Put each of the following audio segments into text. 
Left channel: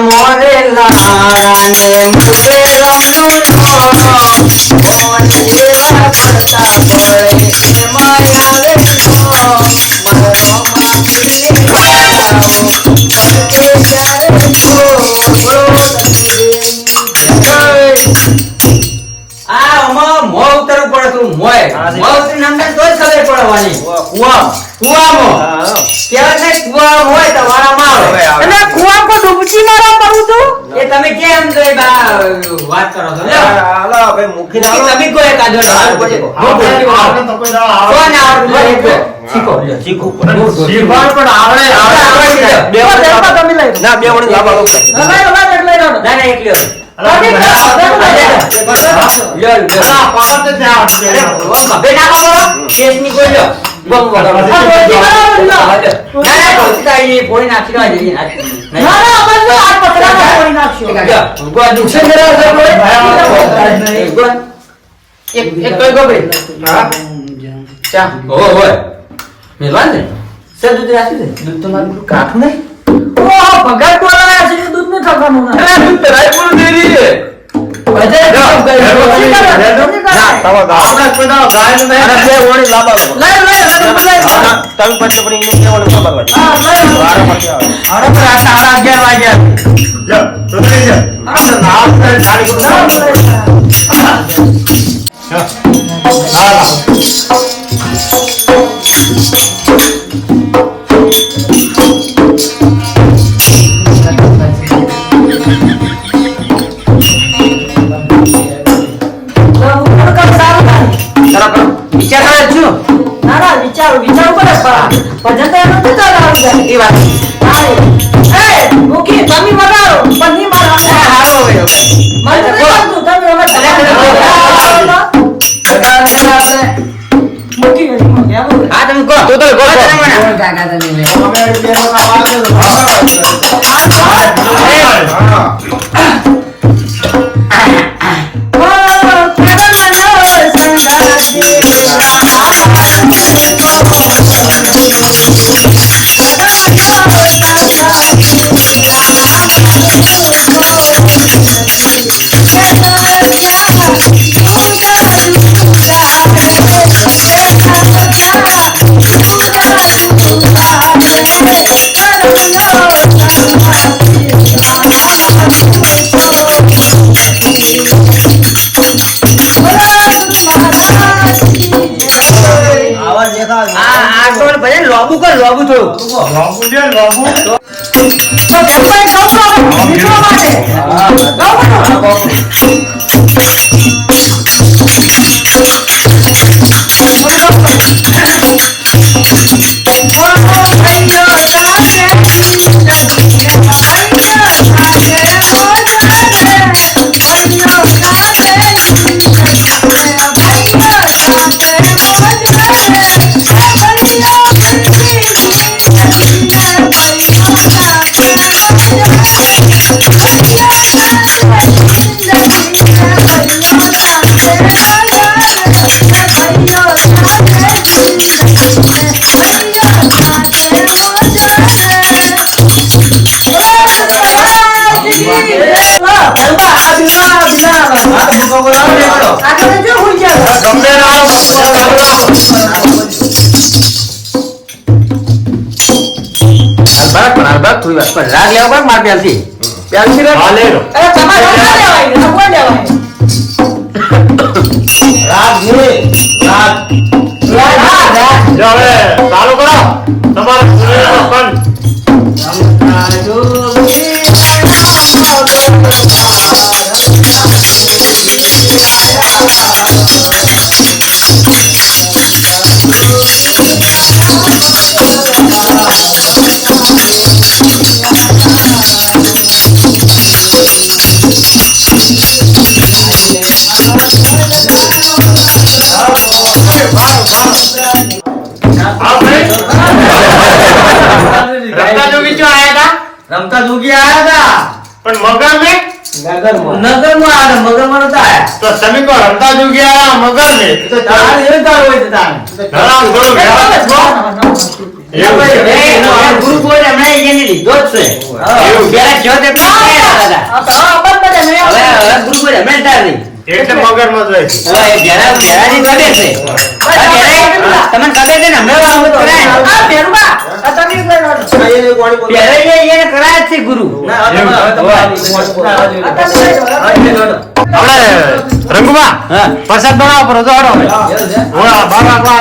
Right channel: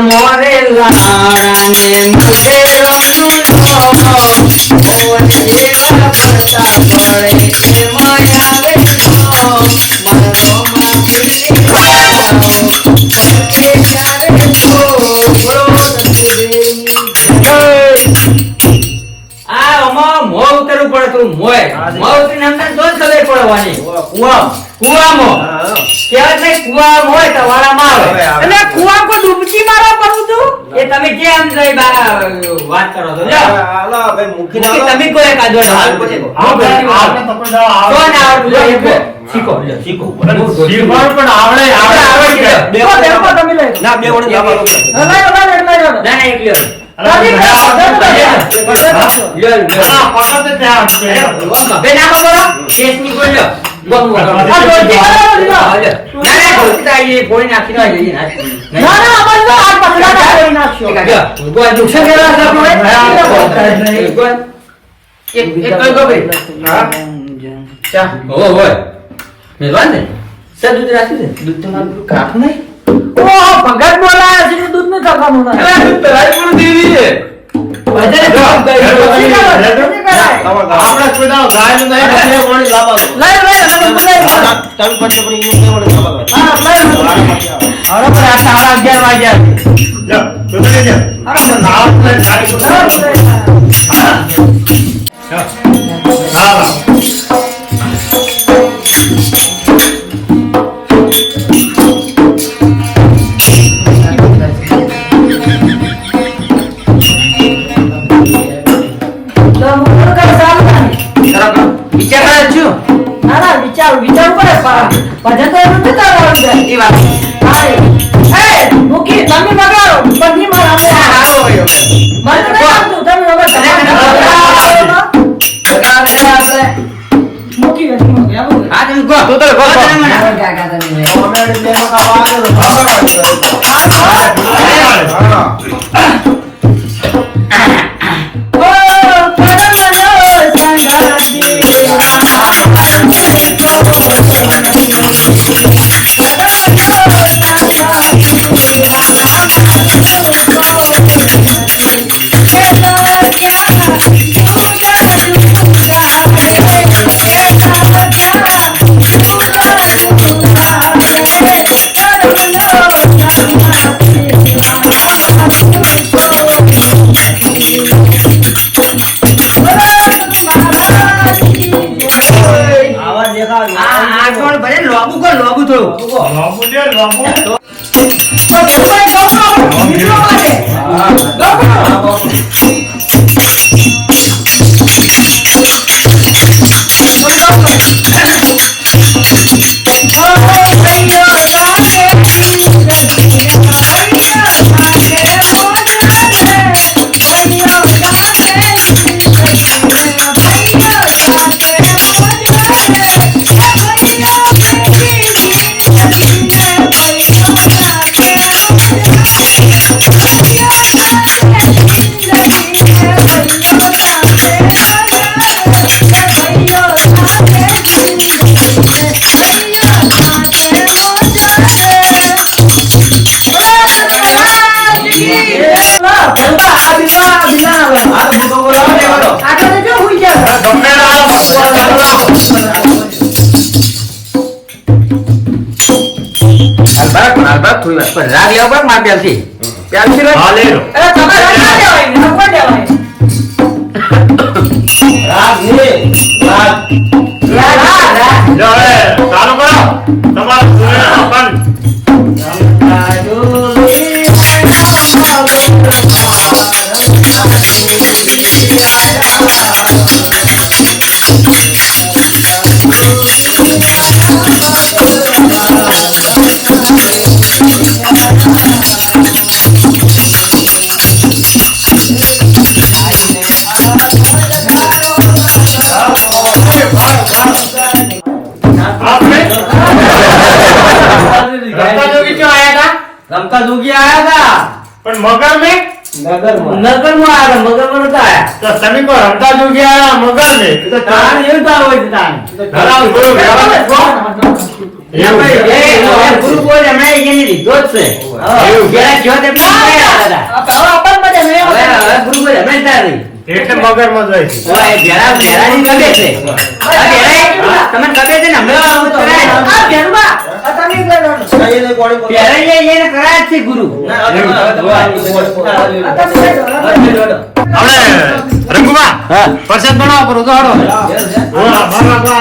મોરે લારાને મુકે રમનું મોરે એવા પડતા પડે એમાં આવે મારો માથીને આવો પડકે ત્યારે બોલો આ અમા મો ઉતરવું પડે તું મોય મો ઉતરીને અમને તો જ ખબર પડવાની કુવામાં કેવા ને કુવા હોય તો વાળામાં આવે અને કુવા કો ડૂબકી મારવા પડું તું એ તમે કેમ ગઈ વાત કરો છો લ્યો હાલો ભાઈ મુખી ના તમે કોઈ કાજો હાલ પછી આપણે તો કોઈ કોણ આવડે શીખો શીખવાનું પણ આવડે બે તમે લઈ ના બે વળી લઈ લો ના ના એક લ્યો દૂધ તો મારું કાઠું નહીં ભગત બોલા છે દૂધ ને ખાવાનું દૂધ તરાઈ પૂરું દે દીએ ભજન કામ કરી આપણા કોડા ગાય ને બે ઓણી લાબા લાવ તમે પંચપણી ને બે ઓણી લાબા આરા પર 11 વાગ્યા લો સુધરી જા આપણે નામ ને ગાડી વિચારું પડે પણ તો એનું જતા આવડી જાય એ વાત એ મુકી તમે મગાવો પણ ની માર અમે હારો હોય મને તો સમજતું તમે હવે આપણે મુકી નથી મને આવું આ તમે કહો તો કાકા તમે અમે બેનો લોબુ થોડું લોબુ ને લોબુ તો કેમ કોઈ ગાવ તો મિત્રો માટે ગાવ अलबत थोड़ी बात राग लेवा पर मार प्याल थी हाँ ले लो अरे तुम्हारा राग लेवा राग नहीं राग जाओ चालू करो तुम्हारा रमता जोगी आया था पर मगर में नगर में आया था मगर में नता आया तो सभी को रमता जोगी आया मगर में तो तान ये था वो तान तो ગુરુ બોલ અમે એની લીધો જ છે એવું. જ્યારે જો તે દાદા હવે ગુરુ બોલ અમે તારી એટલે મગજમાં જ રહે છે. હવે એ ભેરાની ગમે છે આ ભેરાઈ તમને ખબર છે ને હમણાં કરાય ભેરાઈ એને કરાય જ છે ગુરુ હવે રંગુબા હા. પ્રસાદ બનાવો પર ઉતારો. ઓલા બાબા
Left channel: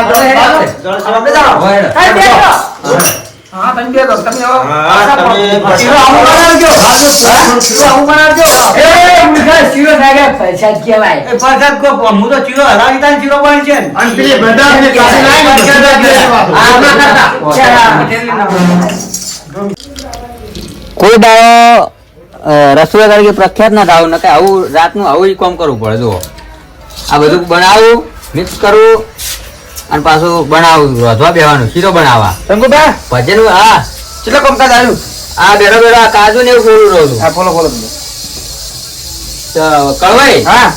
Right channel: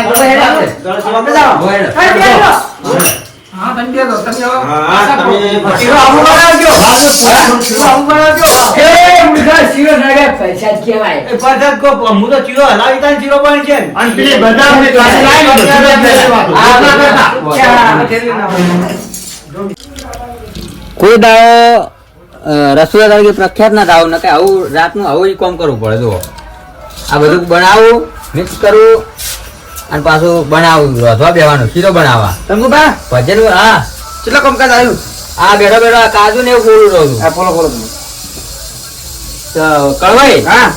શીરો આવું બનાવજો. પ્રસાદ કો હું તો ચીરો હલાવી તાન ચીરો પણ છે અને પેલી બદામની ક્લાસે લાવી ને બધા જ લેવા. આ ના કરતા કોઈ દાડો રસોઈયા તરીકે પ્રખ્યાત ના થાવ ને આવું રાતનું આવું કામ કરવું પડે જો આ બધું બનાવવું મિક્સ કરવું અને પાછું બનાવવું રોધવા બેવાનું શીરો બનાવવા રંગુબા ભજન હા કેટલા કામકાજ આવ્યું આ બેઠો બેઠો આ કાજુ ને એવું બોલું રહું છું બોલો બોલો તો કળવાઈ હા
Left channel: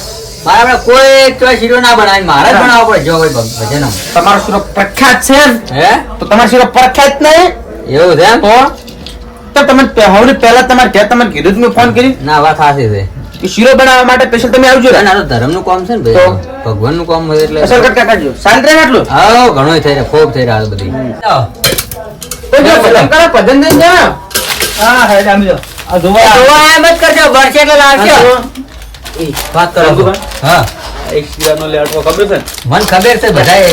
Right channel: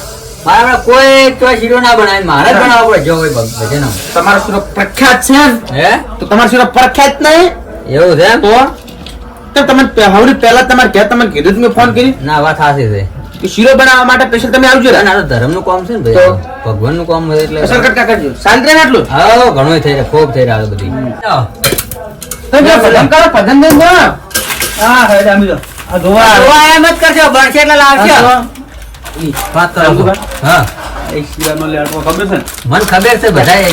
મારા કોઈ તો શીરો ના બનાવે મારે જ બનાવવો પડે જો કોઈ ભજન તમારો શીરો પ્રખ્યાત છે ને? હે તો તમારો શીરો પ્રખ્યાત નહીં એવું છે એમ? તો તમે હવે પહેલા તમારે ઘેર તમને કીધું જ મેં ફોન કરી ના વાત સાચી છે કે શીરો બનાવવા માટે સ્પેશિયલ તમે આવજો ના તો ધર્મ નું કામ છે ને તો? ભાઈ ભગવાન નું કામ હોય એટલે સ્પેશિયલ કટકા કરજો શાંત રહે ને આટલું હા ઘણું થઈ રહ્યા ખૂબ થઈ રહ્યા બધી તો જો ભજન કરો ભજન દેન દો હા હા જામી લો આ જોવા જોવા એમ જ કરજો બળશે એટલે લાવશે વાત કરો રંગુભાઈ? હા એક શીરાનો લેટવો ખબર છે ને મને ખબર છે બધાય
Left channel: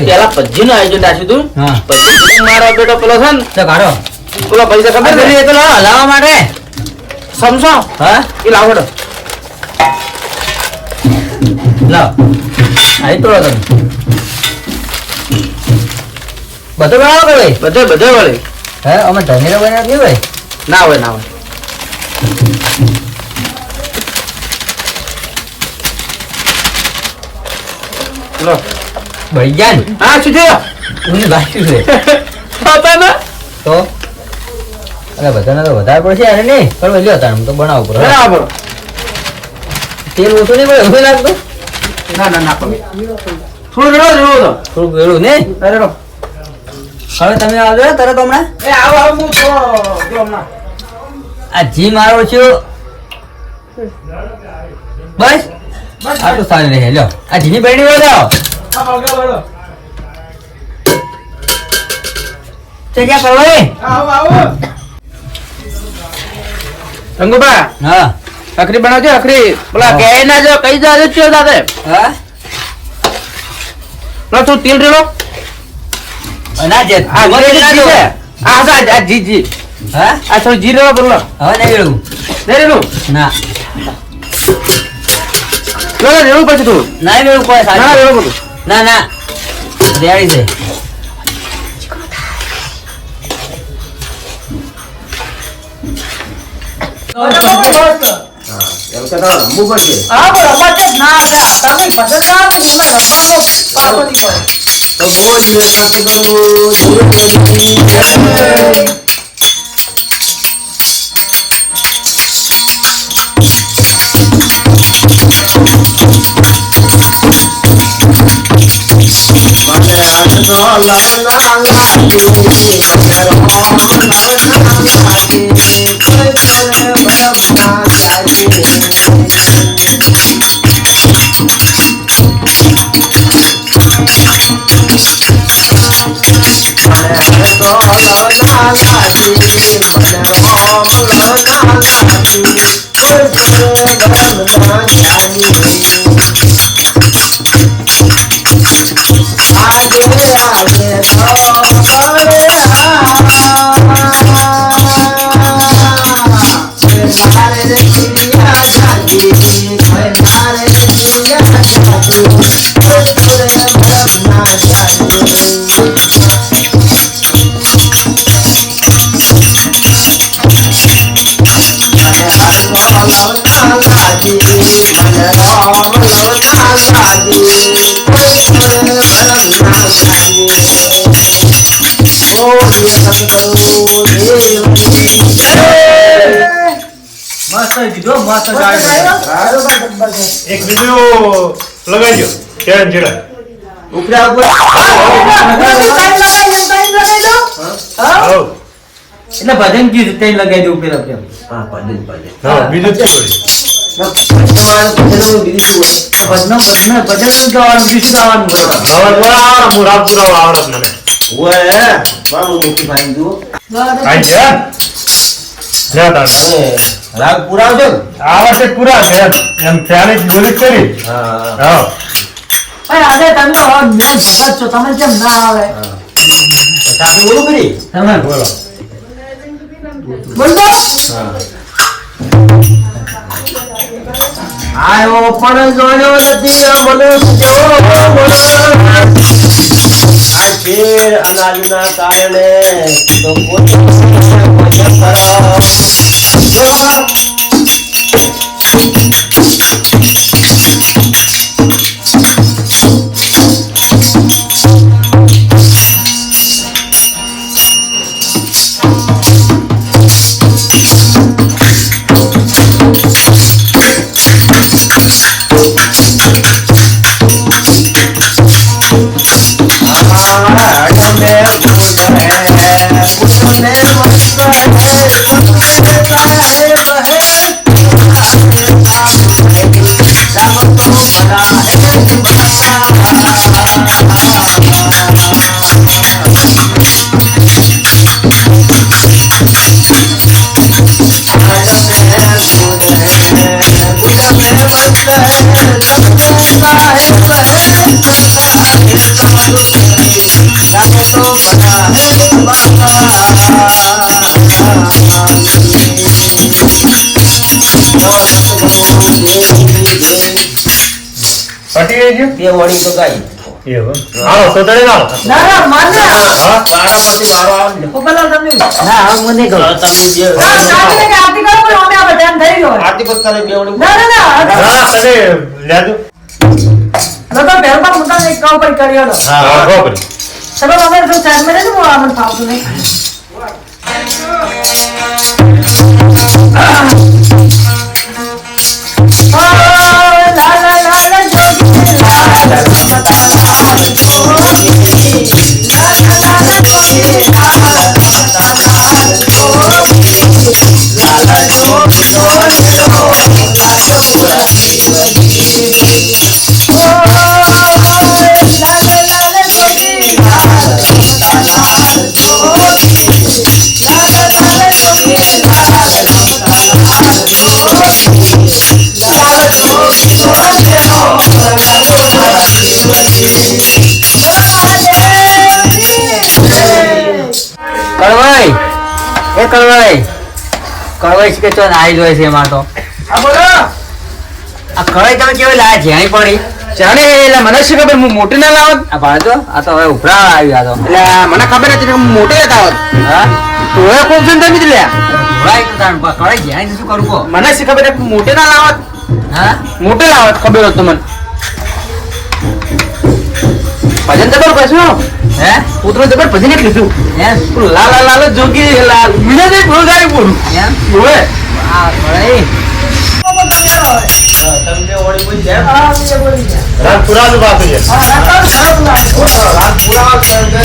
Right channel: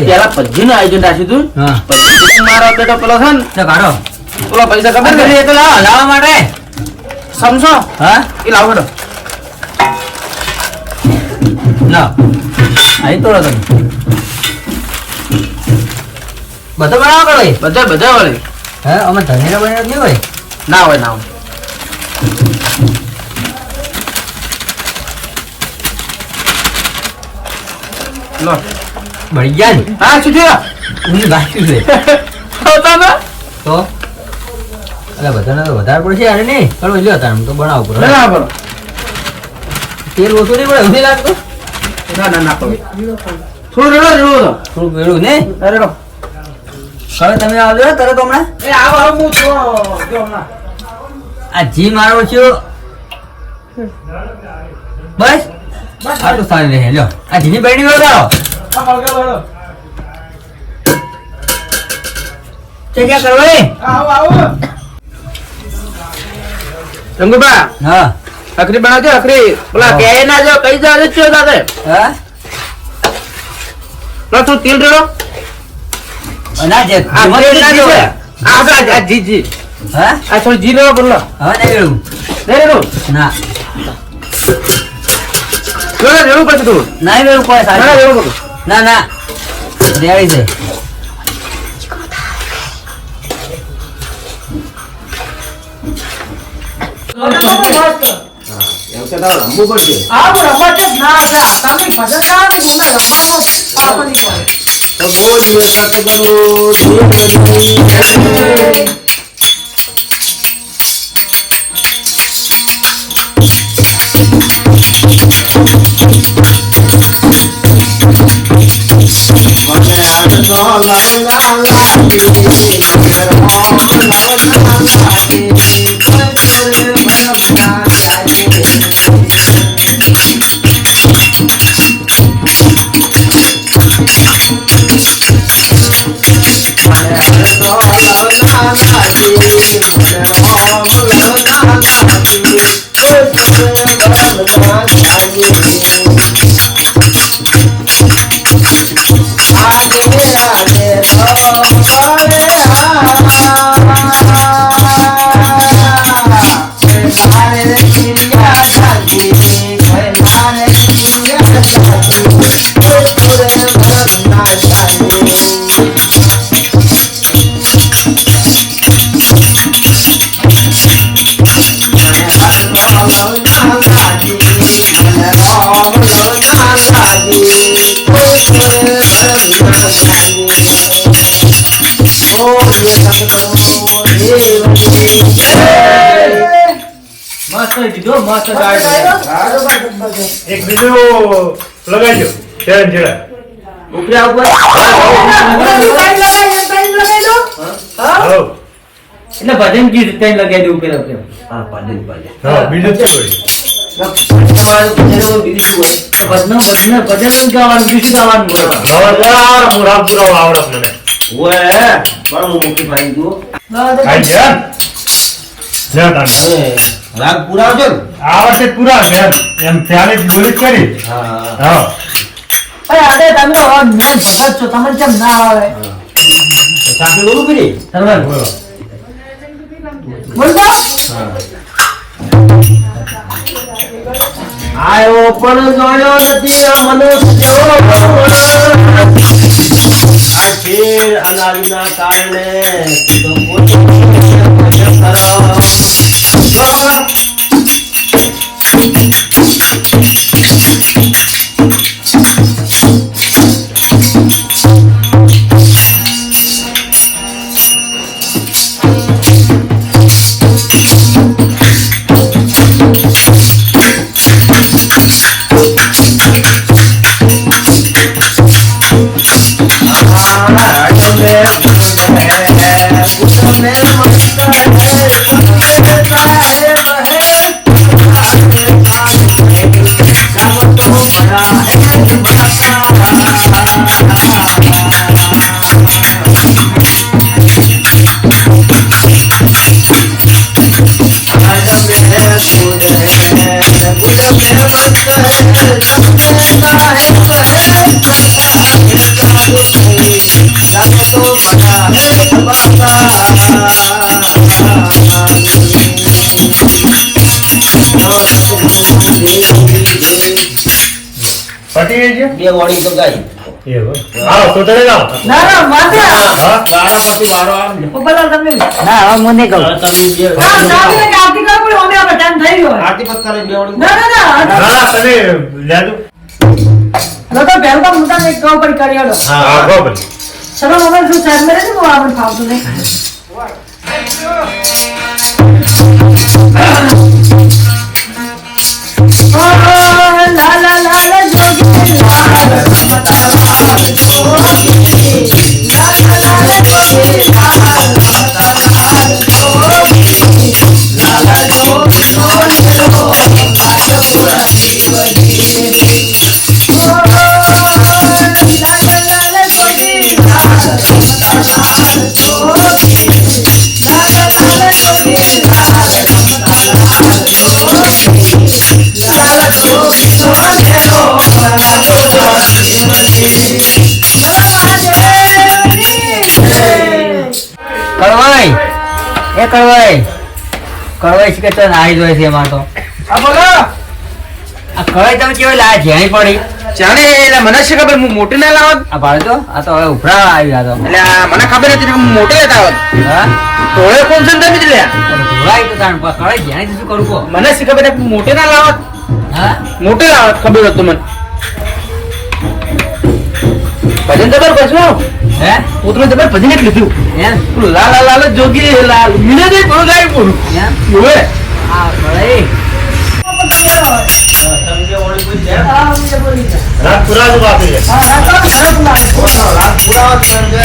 પેલા ભજીનું આયોજન રાખ્યું હતું હા ભજી મારો બેટો પેલો છે ને તો કાઢો પેલો પૈસા ખબર છે એ તો લાવો લાવવા માટે સમજો હા એ લાવો બેટો લાવ અહીં તોડો તમે બધો બનાવો કરો ભાઈ બધે બધે વળી હે અમે ધનેરો બનાવ્યો નહીં હોય ના હોય ના હોય લો બળી ગયા ને હા શું થયો ઊંઘ બાકી છે પોતાનો તો એટલે બધાને તો વધારે પડશે અરે નહીં પણ લ્યો તાર તો બનાવવું પડે બરાબર તેલ ઓછું નહીં પડે એવું લાગતું ના ના ના પડે થોડું રેડો રેડો થોડુંક વેરું નહીં રેડો હવે તમે આવજો ને તરત હમણાં એ આવો આવો હું તો જો હમણાં આ જી મારો છું બસ આટલું સારું રહે લ્યો આ જીની બહેની વળગાવો આ બળગો બળગો તે ક્યાં કરવા એ આવો આવો રંગુબા હા અખરી બનાવજો અખરી બોલા કે ના જો કઈ જો ચો દાદે હા લો તું તેલ રેડો ના જે આ જીમાં તેલ ના ના જો જો આ જી જી હા આ થોડું જી રેડો બોલો હવે નહીં વેળું રેડો ના રેડો રેડો પછી તું નહીં વેળું કોઈ ના સારું રેડો બોલો ના ના રેડી છે એમ કે તારે રમવું પડશે. તો બોલ ને સતગુરુ દેવજી. મને આજનો લવના લાગી, મને રોમ લવના લાગી, કોઈ કરે ભરમ ના લાગી. મને આજનો લવના લાગી, મને રોમ લવના લાગી, કોઈ કરે ભરમ ના લાગી. आगे आगे मारे दिया जागी मारे दिया जागी पूरे भरना जागी मन राम लवना लागी એક બીજું લગાડજો ચેન ચેડા ઉપરા ઉપર એટલે ભજન ગીત તે લગાઈ દેવું પેલા પેલા. હા ભજન ભજન હા, બીજું શું હોય? તમારું ભજન હોય બીજું શું હોય? તો ભજન જ ગાવાનું બીજું ગાવાનું બરોબર. હું રાત પુરાવા આવડત મને. ઓય મારું મોટી ભાઈ જુઓ આઈ જા. લે તાન. તમે રાગ પુરાવજો ને? આ વર્ષે પૂરા છે એમ ત્યારે જ બોલી જ કરી. હા હા. ભાઈ આજે તમે તો મેન ભગત છો તમે કેમ ના આવે સાચું બોલું કરી તમે બોલો. બોલતો આયો પણ જોયો નથી આ મનુષ્ય આ શેર અનાજના કારણે તો પટી રહી છે? બે વળી તો ગાઈ એવું. હાલો, તો તને લાવો. ના ના માને હા? વારો પછી વારો આવે પેલા તમે ના મને કહો તમે બે સાંજે કે આરતી કરો પણ અમે આપણે ટાઈમ થઈ ગયો આરતી પત્તાની બે વળી ના ના ના ના, તમે લેજો. લોકો પહેલમાં મુદ્દા એક કામ પર કર્યો હા, હા, બરાબર. ચલો તમે જો સાહેબ મને તો આનંદ ફાવતો નહીં લા લા લા લા જોગી લાલ મમતા લાલ જોગી લા લા લા લા જોગી લાલ મમતા લાલ જોગી લા લા જોગી જોગી લો રાજપુરા જીવજી લા લા લા જોગી લાલ મમતા લાલ જોગી લા લા લા જોગી લાલ મમતા લાલ કળવાઈ એ કળવાઈ કળવાઈ છે કે ચો નાઈ જોઈ છે એમાં તો આ બોલો આ કળવાઈ તમે કેવી લાયા છે અહીં પડી જાણે એટલે મને શું ખબર હું મોટી ના લાવત આ ભાડો આ તો હવે ઉભરા આવી આ તો એટલે મને ખબર હતી કે હું મોટી લેતા આવત હા તો એ કોણ છે તમે લ્યા ઉભરાય તો તાણ કળવાઈ જ્યાં શું કરું કો મને શું ખબર કે મોટી ના લાવત હા મોટી લાવત ખબર હતું મને ભજન જબર પછી હે પુત્ર જબર ભજન એક લીધું એમ લાલ લાલ લાલ જોગી લાલ મિલે દે નો ગાય કોણ એમ ઓએ આ કળવાઈ તમે બે વળી કોઈ જાય રાત પુરાવા બાકી છે. રાગ પુરાવા તો એમ કે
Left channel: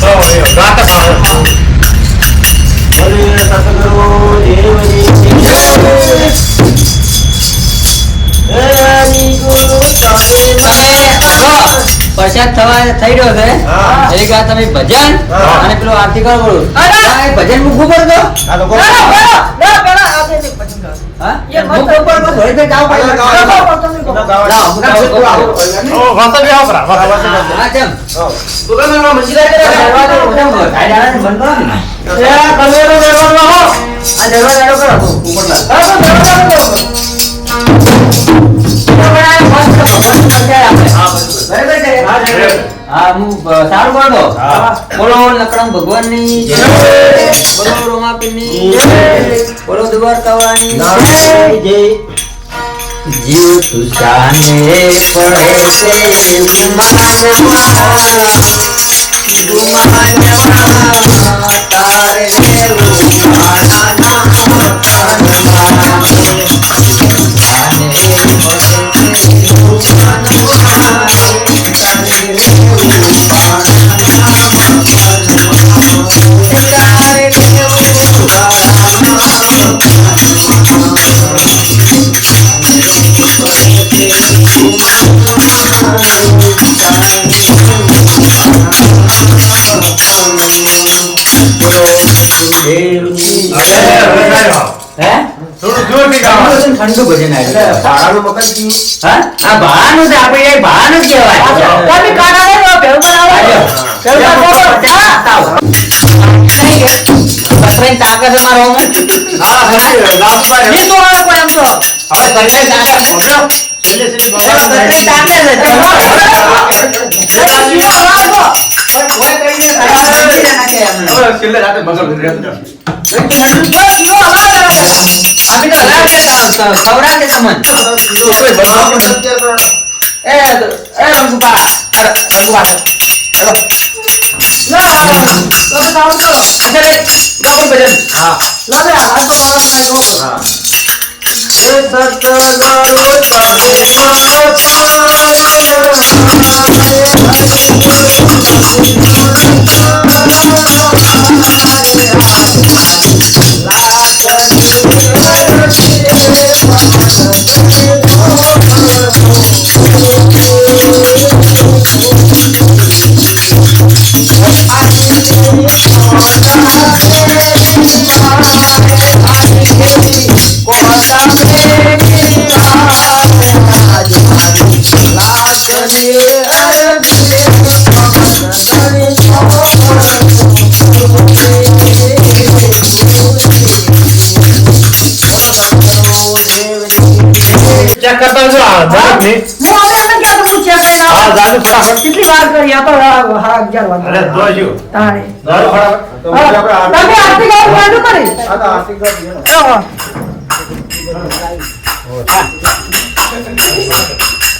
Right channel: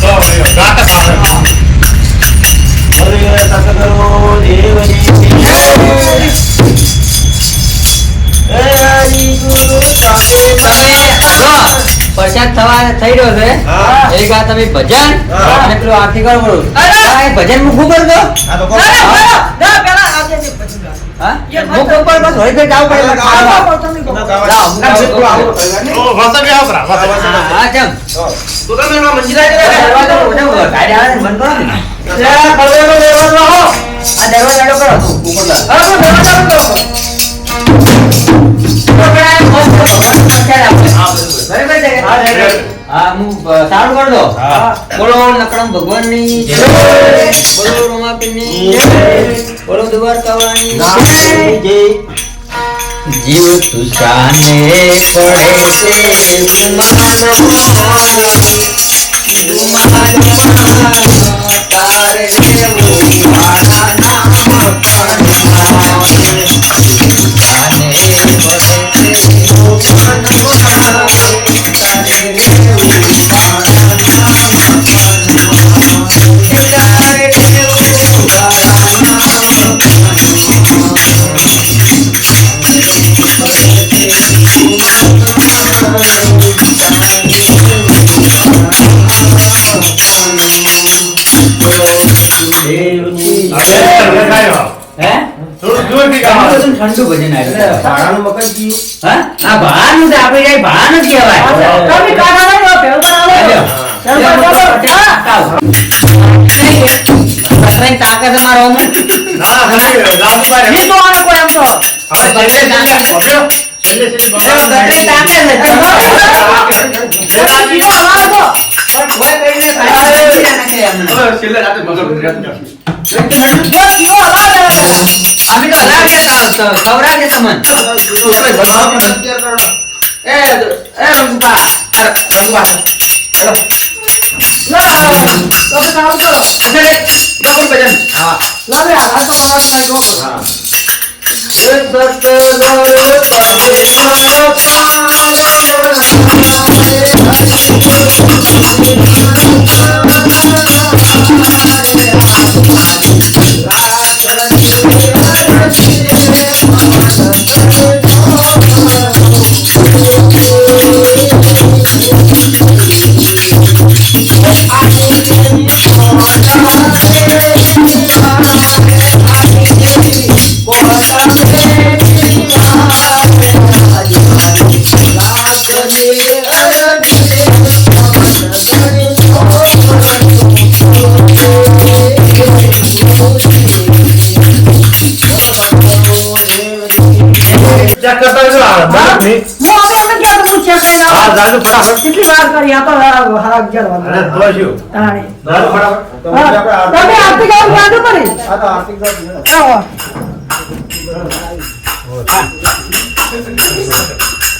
હો, એ રાત જ આવે. હરે સતગુરુ દેવની હે હરિ ગુરુ તમે જો પ્રસાદ થવા થઈ રહ્યો છે હા. એક વાર તમે ભજન હા. અને પેલું આરતી કરો બોલું અરે! ભજન મૂકવું પડતો આ તો કોણ? હા મૂકવું પડે બસ હોય તો જાવ પડે લાવો, હું ગાઉં, ગાઉં. ઓ, વાસણ બે આવો કરા, વાસણ. હા ચમ તો તમે એમાં મંદિરે કરે દરવાજો ઉઠાવો, ગાડી આવે ને બંધ કરો ને. એ કળવેનો દરવાજો હો આ દરવાજો કરો તું ઉપરલા. હા તો દરવાજો બંધ કરો. ઉપર આ મસ્ત ભગવાનનું પ્રસાદ આપે. હા બધું બરાબર છે કે? હા, બરાબર. હા હું સારું કરી દો હા. બોલો નકરમ ભગવાનની જય. બોલો રમાપીરની જય. બોલો દ્વારકાવાળાની નારાયણ જય. જીવ તુસાને પડે છે ગુમાનમાં તારે રેવું મારા નામ કણમાં. તુસાને પડે છે ગુમાનમાં તારે રેવું મારા નામ કણમાં. ઠંડુ ભજન એટલે ભાડાનું મકાન થયું. હા આ ભાનું જ આપણે જાય ભાનું જ કહેવાય તમે કાઢો ને તો ભેગો આવે પતરાઈ કાકે છે મારો અમે હા સલી રાજુભાઈ નહીં તો આવે કોઈ એમ તો હવે છેલ્લે પતરાઈ કાકે છે શીરો હલાવો કોઈ કઈને ભાઈ નાખે અમને છેલ્લે રાતે મગર તો શીરો હલાવો અમે તો લાગે ખવરા કે તમને એ રંગુપા રંગુપા તમે કામ કરો અરે ગોપન ભજન હા લાગે આ તો મારા સાઈ ગો હા. એ સતગર ચેક કરતા જો આ બરાબર ને હું અમે ક્યાં તો હું ચેક કરીને હા આવું જાજુ ફટાફટ કેટલી વાર કરી આ તો હા 11 અને વાગે જોજો તાણે જાજુ ફટાફટ તમે આરતી ગાવ વાંધો કરી આ તો આર્થિક વાત છે ને. આવો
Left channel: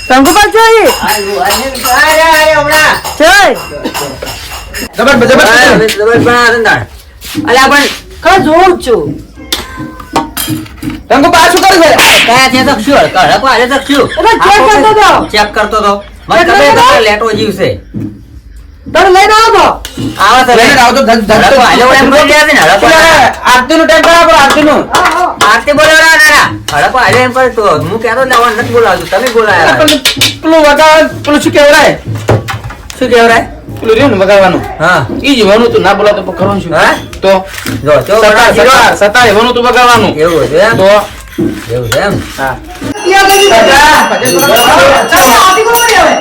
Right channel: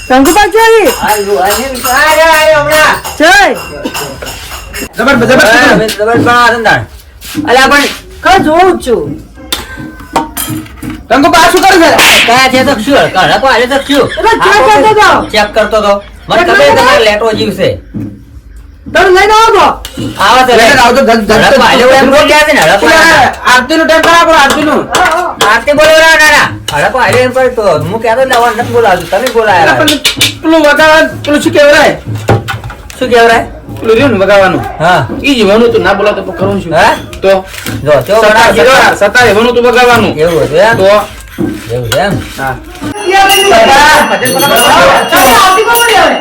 શંકુપાલ જોઈ જોઈ અલ્યા પણ કા જોઉં છું કંકુ પાછું કરે છે કયા છે તો શું કડક વાળે તો શું એટલે ચેક કરતો જાઓ ચેક કરતો તો મને ચેક ખબર કરતો છે તો? કે લેટો જીવશે તમે લઈને આવો આવે તો લઈને આવો તો ધક ધક હડક વાળે એમ બોલી ગયા છે ને હડક વાળે. આરતી નું ટાઈમ બરાબર આરતી નું આરતી બોલે ના ના હડક વાળે એમ કરે તો હું કહેતો ને આવવાનું નથી બોલાવતું તમે બોલાયા પેલું વગાડવાનું પેલું શું કહેવાય શું કહેવાય પેલું રહ્યું ને વગાડવાનું હા ઈ જ વાનું તું ના બોલાતો તો કરવાનું શું હા તો જો જો બડા જીરો સતાર એવાનું તું વગાડવાનું એવું છે એમ? તો એવું છે એમ હા તમે આવતી કોણ પડી આવે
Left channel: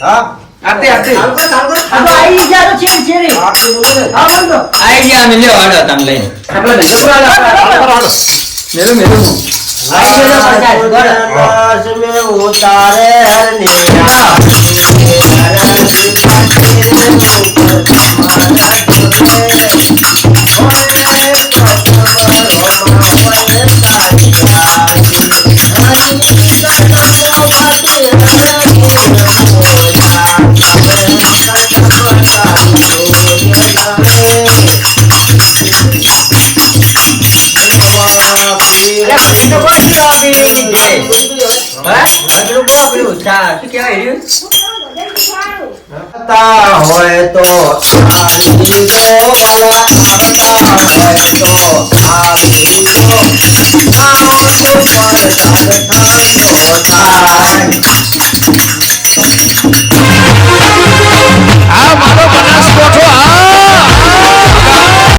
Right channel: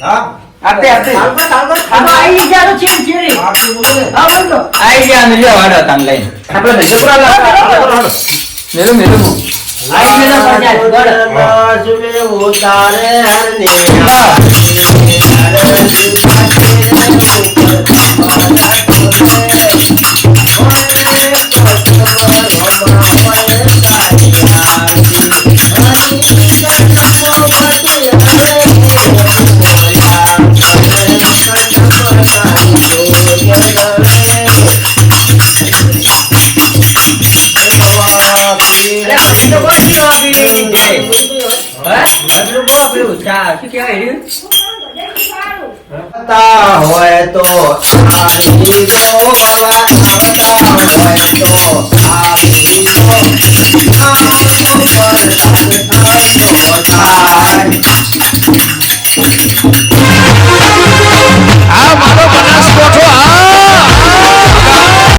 હા આરતી આરતી આ તો આઈ જારો છે છે રે આર્થિક બોલો ને. હા બોલો આઈ ગયા અમે લ્યો હાડો તમે લઈને આપણે બીજો બરાબર મેલું મેલું આઈ ગયા પચાસ બોલો दास में उतारे हरनीरा આવતા હોય તો આવી જો બાલા આવતા હોય તો આવી જો આ તો પર સાથ થાનો